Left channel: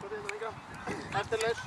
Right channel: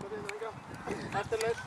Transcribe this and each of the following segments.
Eftirlaus.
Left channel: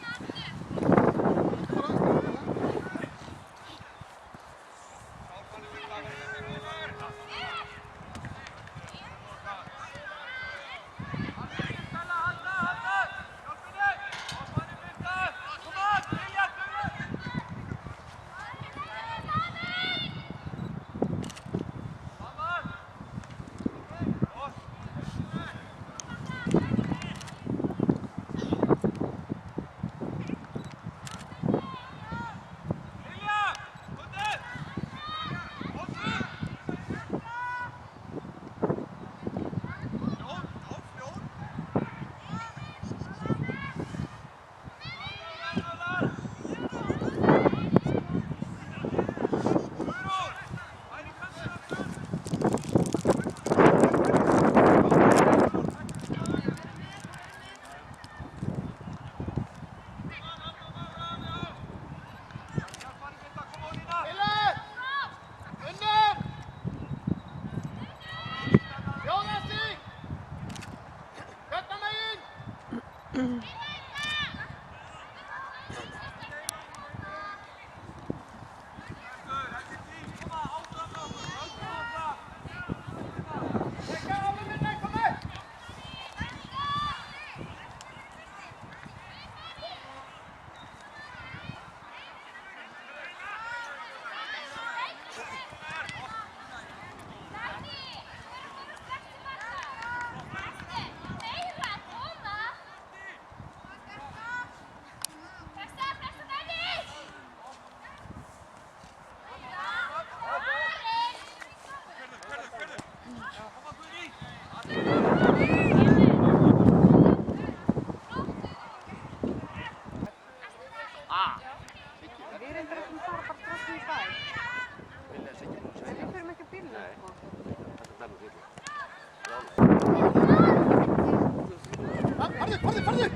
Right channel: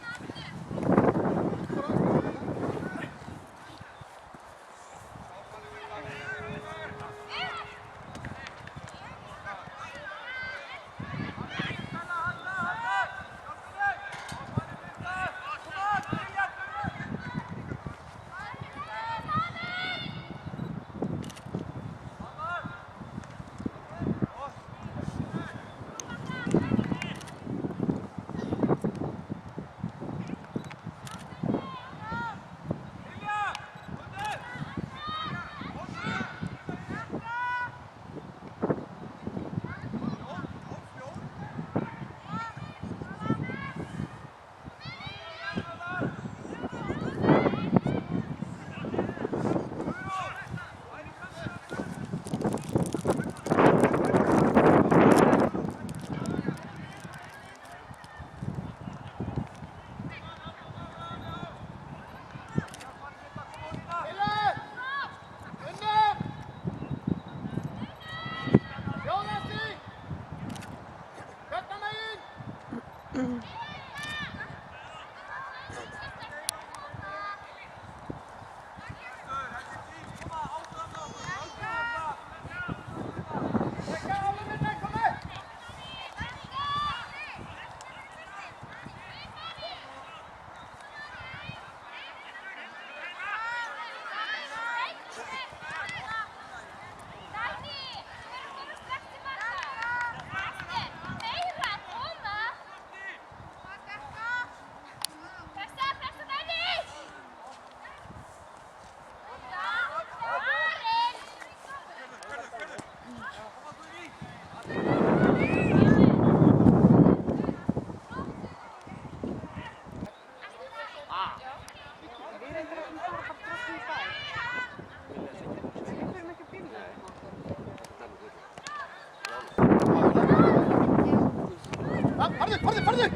Farðu!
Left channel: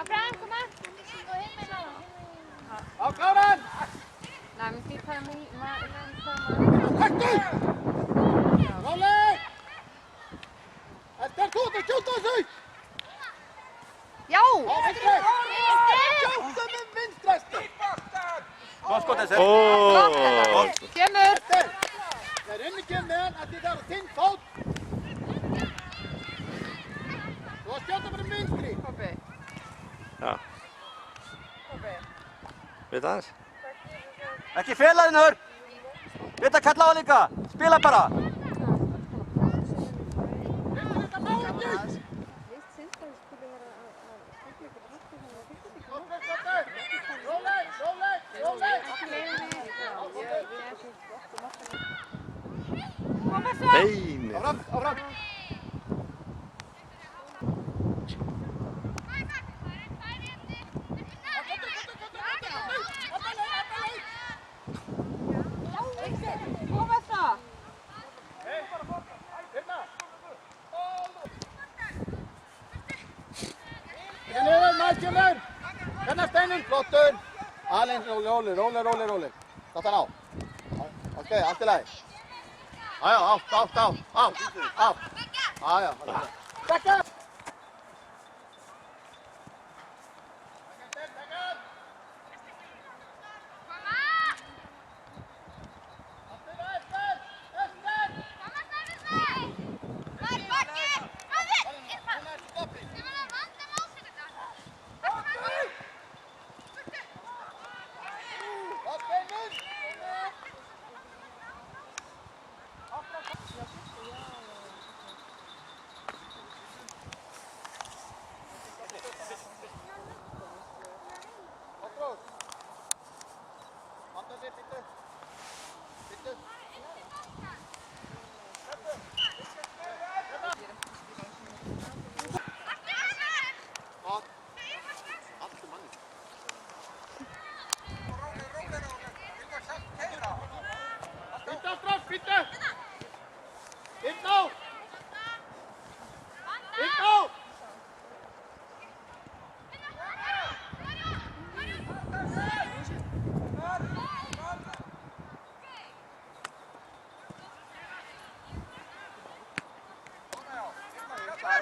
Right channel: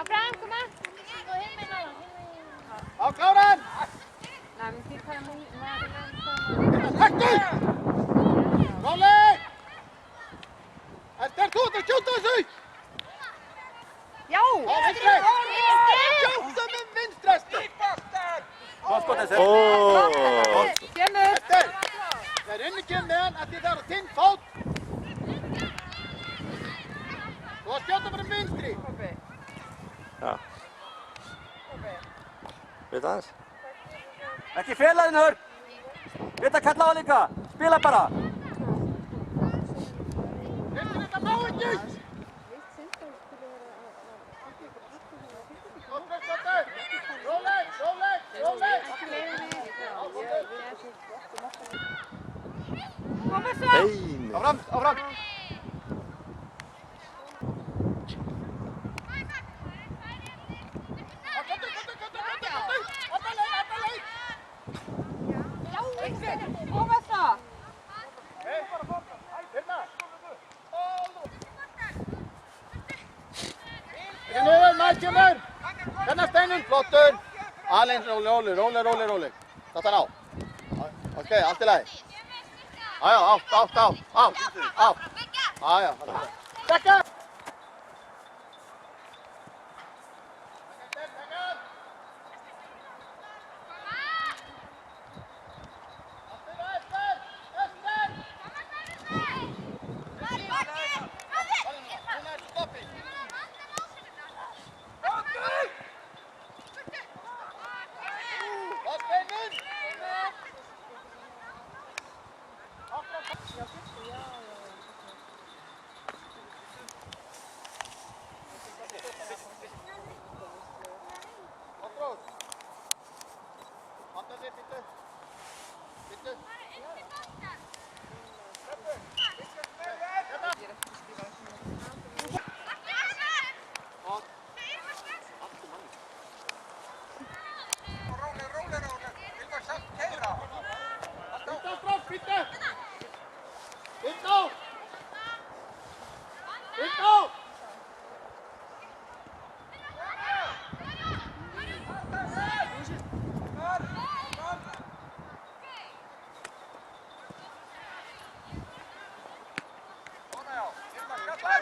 Abraham, kom aan. Gå heen met allen. Á, klára hann! Nej, men det kan man Hættu! Róleg! Þetta er þú, þetta skjóta þessu! Já! Á, vinstri! Skjóta með vinstræstu! Hvað skot þessi? Kemur! Það er inni kemur með hann að þið þarf að tinn fót. Þú að skjóta bara vinstri. Já. Veit aðeins? Ekki fela þinn hör! Þetta kalla á líka! Spila bara! Veistu þetta má ekki! Róleg! Kom så! Bein! Áfram! Kom så! Ekki niður, maður kemur! Hérna steinin, flottur! Alinn, róleg. Þetta á. Ok, allt í lagi. Ájá, átt. Ájá, allt í lagi. Dekka!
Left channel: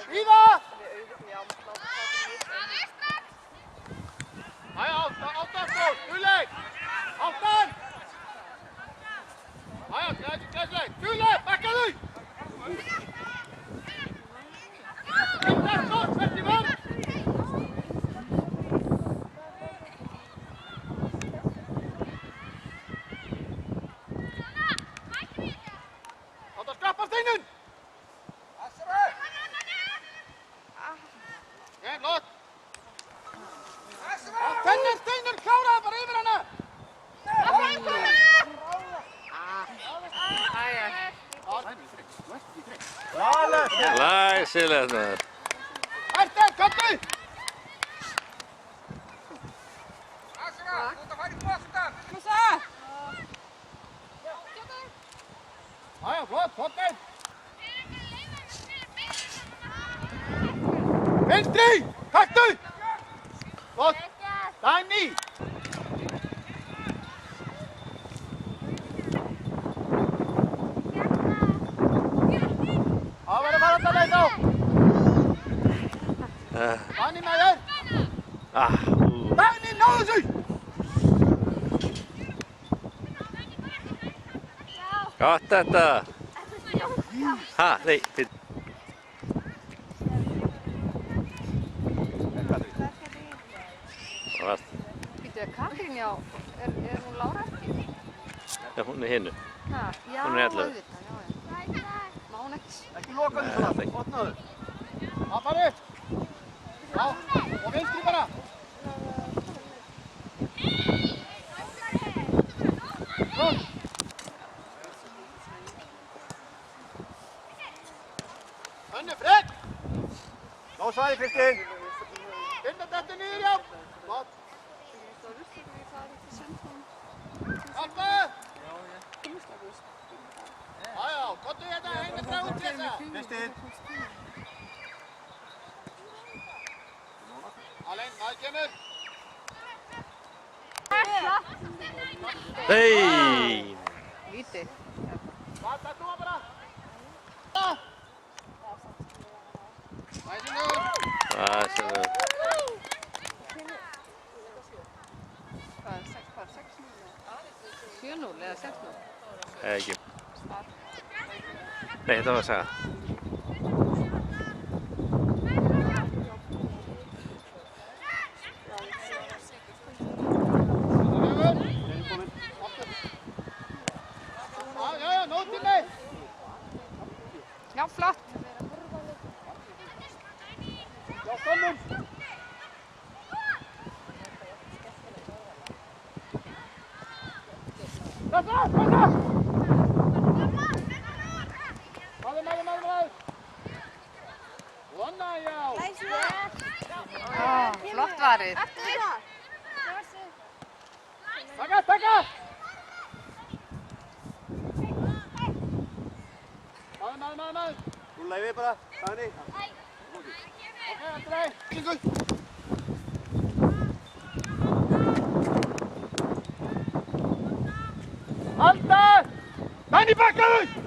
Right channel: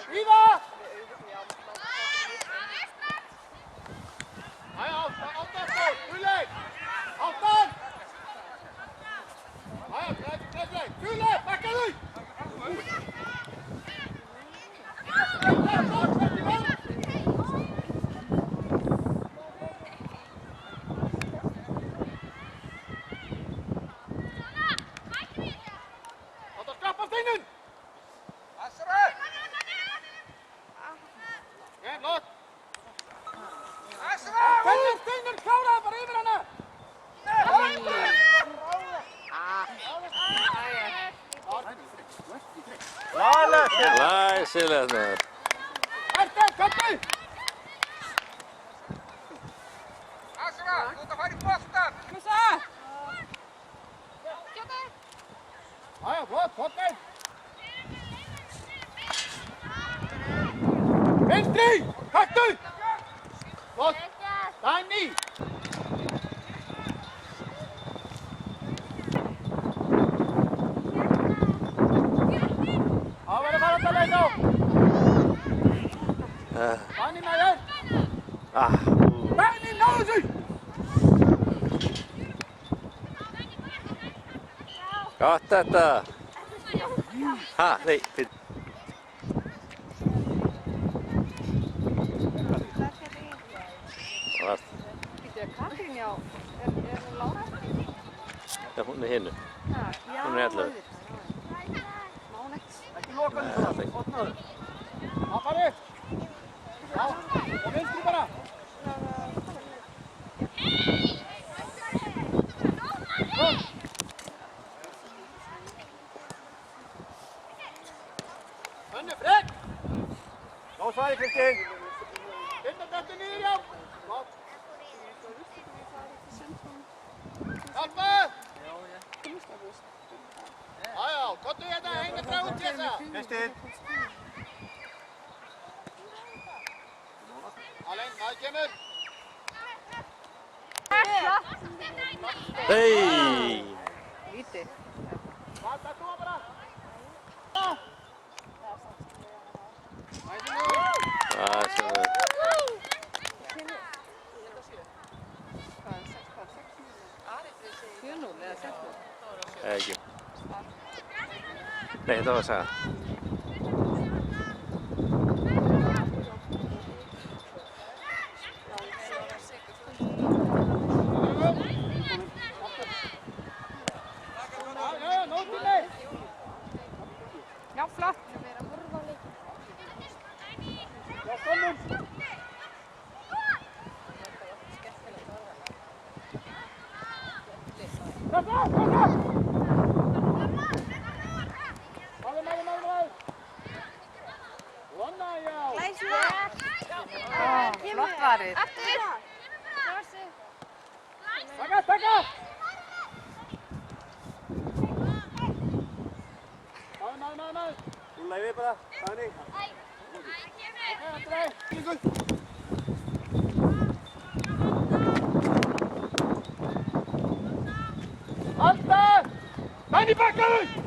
Viva! Glæsilegt maður. Martin, komdu! Kom svo! Jæja, flott, Þorsteinn! Vinstri! Taktu! Flott! Dagný! Það verður að fara alltaf leik á! Dagný með þér! Dagný, náðu þessu! Gott þetta. Ha, nei, fyrir. Býtu, Katrín, já. Er hún Lára ekki? Já, hún er hinnu. Ha, já, Hún er 11. auðvitað, já. Má hún ekki? Ekki loka því svona, Nei. opnaðu. Appari! Já, og vinstri bara! Flott! Önnu Frekk! Ná svæði, Kristín. Finna þetta niður, já! Flott! Hjálpa! Já, gottu hérna, henni frá út hérna! Kristín. Alein, maður kemur! Hei! Víti. Hvað, þetta var bara? Næsingur! Glæsilegt. Hvað, 7-0 eða 6-0? Ekki. Nei, þetta var að segja. Já, nótið mig! Já, flott. Já, komum! Kassa! Maður! Vonna, já! Flott varið. Taka! Maður! Rúlla yfir bara, Dagný. Ok, aftur leið! Halda! Dagný, bakkaðu!